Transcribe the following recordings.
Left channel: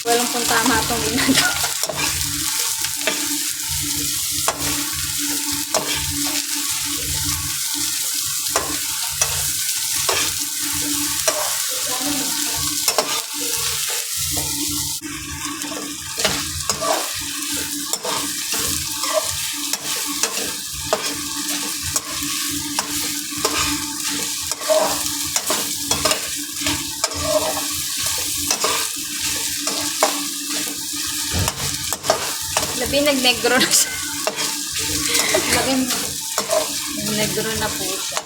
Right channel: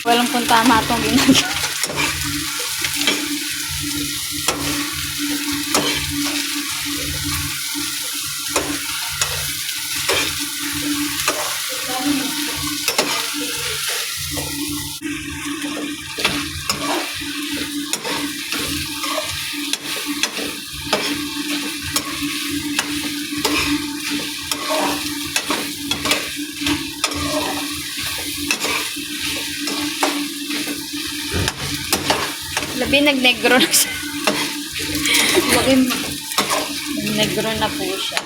Walang kung tama itong ginagawa. Labi nagnegro na siya. Labi nagnegro na po siya.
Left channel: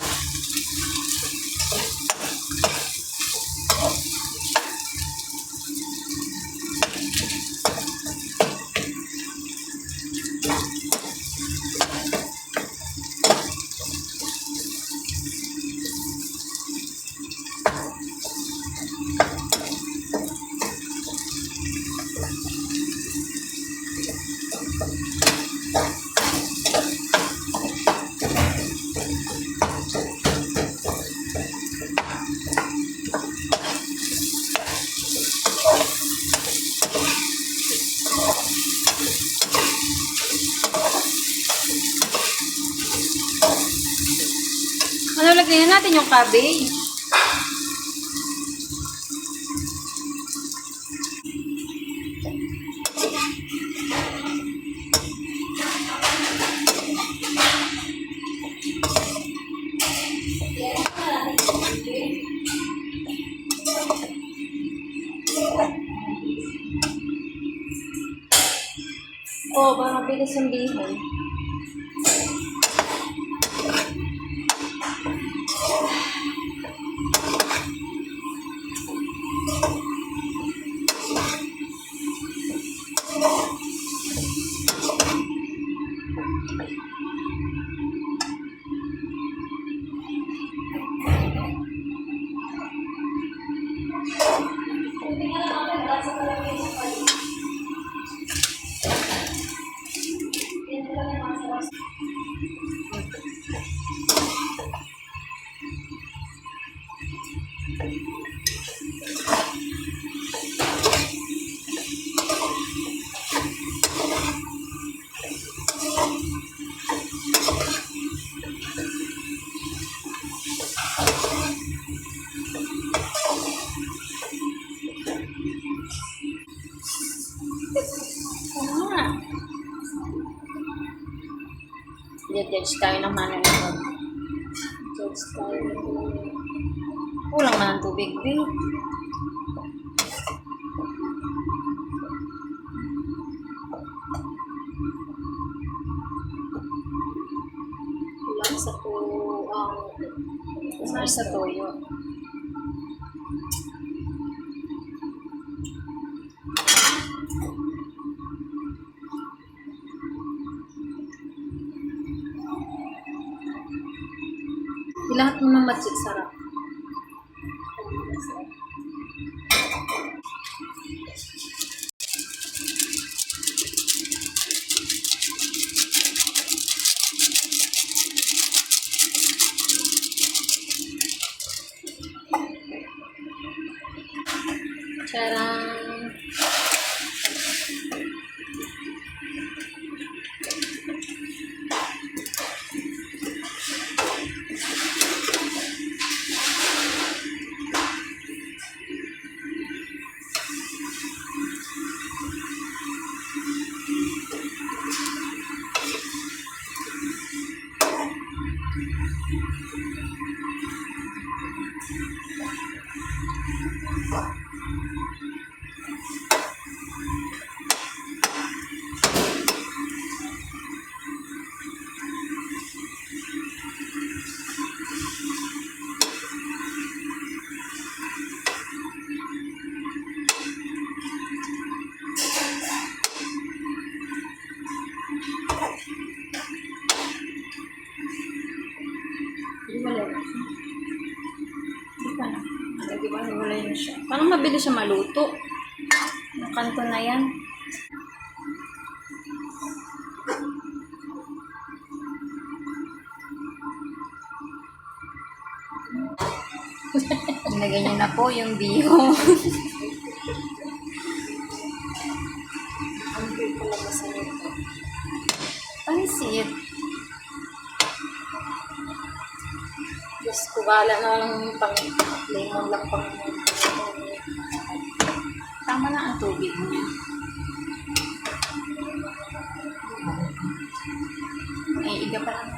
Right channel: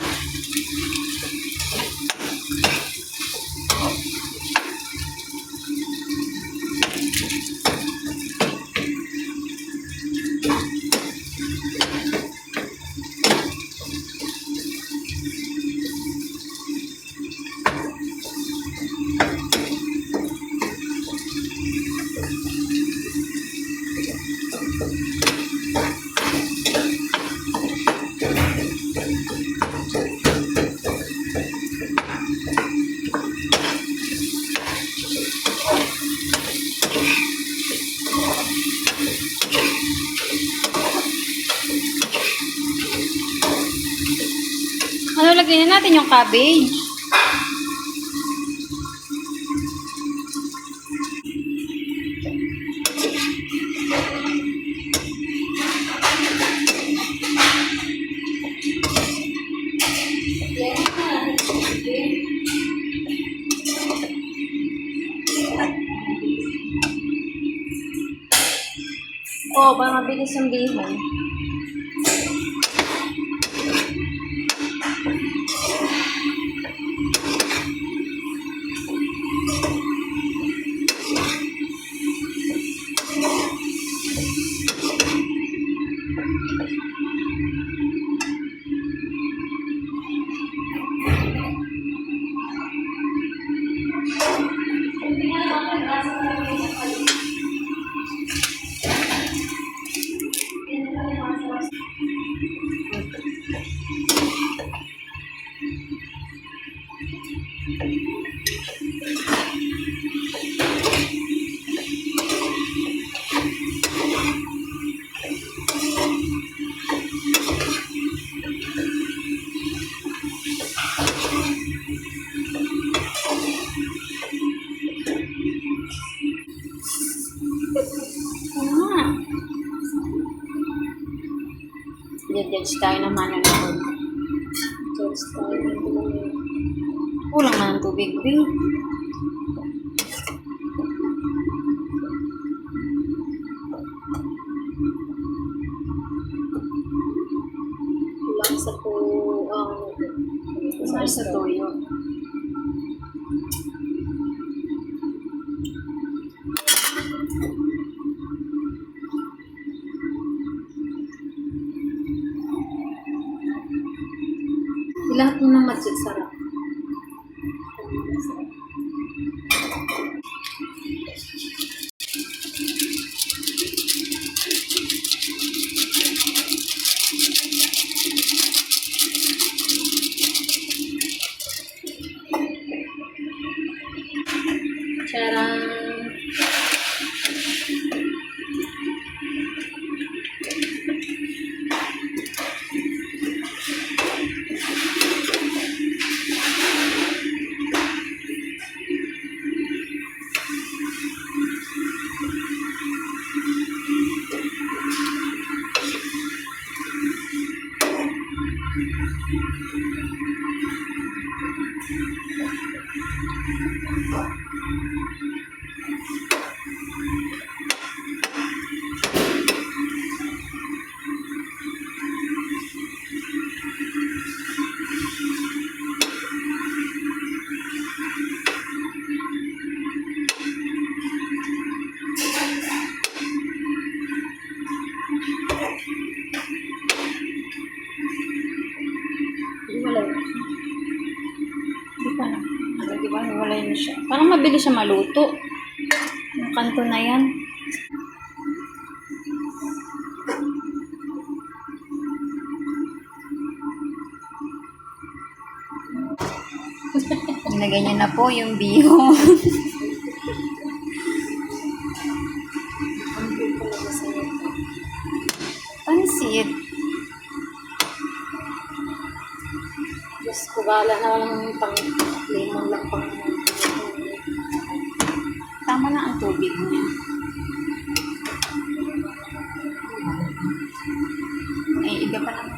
Ano, lagyan na natin yung cabbage. Oo, para mabilis yung bihon. Judge tayo ng manonood. Judge tayo. Kulang na ng tubig, babe. Kulang sa sa toyo. Lahat mo ng matsit sarap. Hiwalay. Hindi pa na. Di ba? Hiwalay na siya. Parang mabilis siya maluto. Yung kanto na yan. Nilagay niya na po yung bihon. Ang cute talaga sa ito. Pansit. Diyos ko, bahala na lang yung pang-lemon lang pang tama na ang tubig niya. Ay, iga pa lang.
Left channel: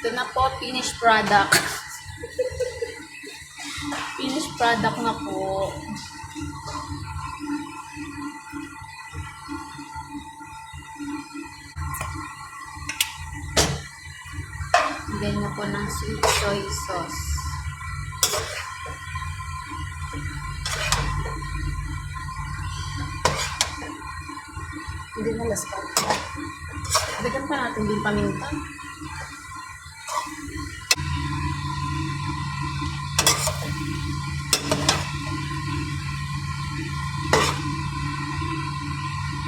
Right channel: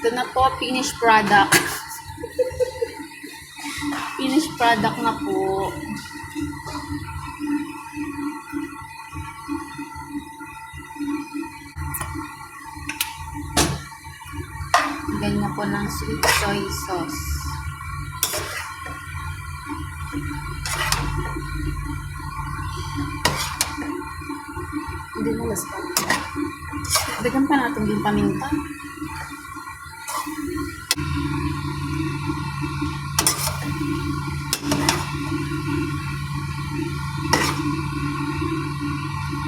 Ito na po, finished product. Finished product na po. Lagyan na po ng sweet soy sauce. Hindi na last pa. Dagyan pa natin din paminta.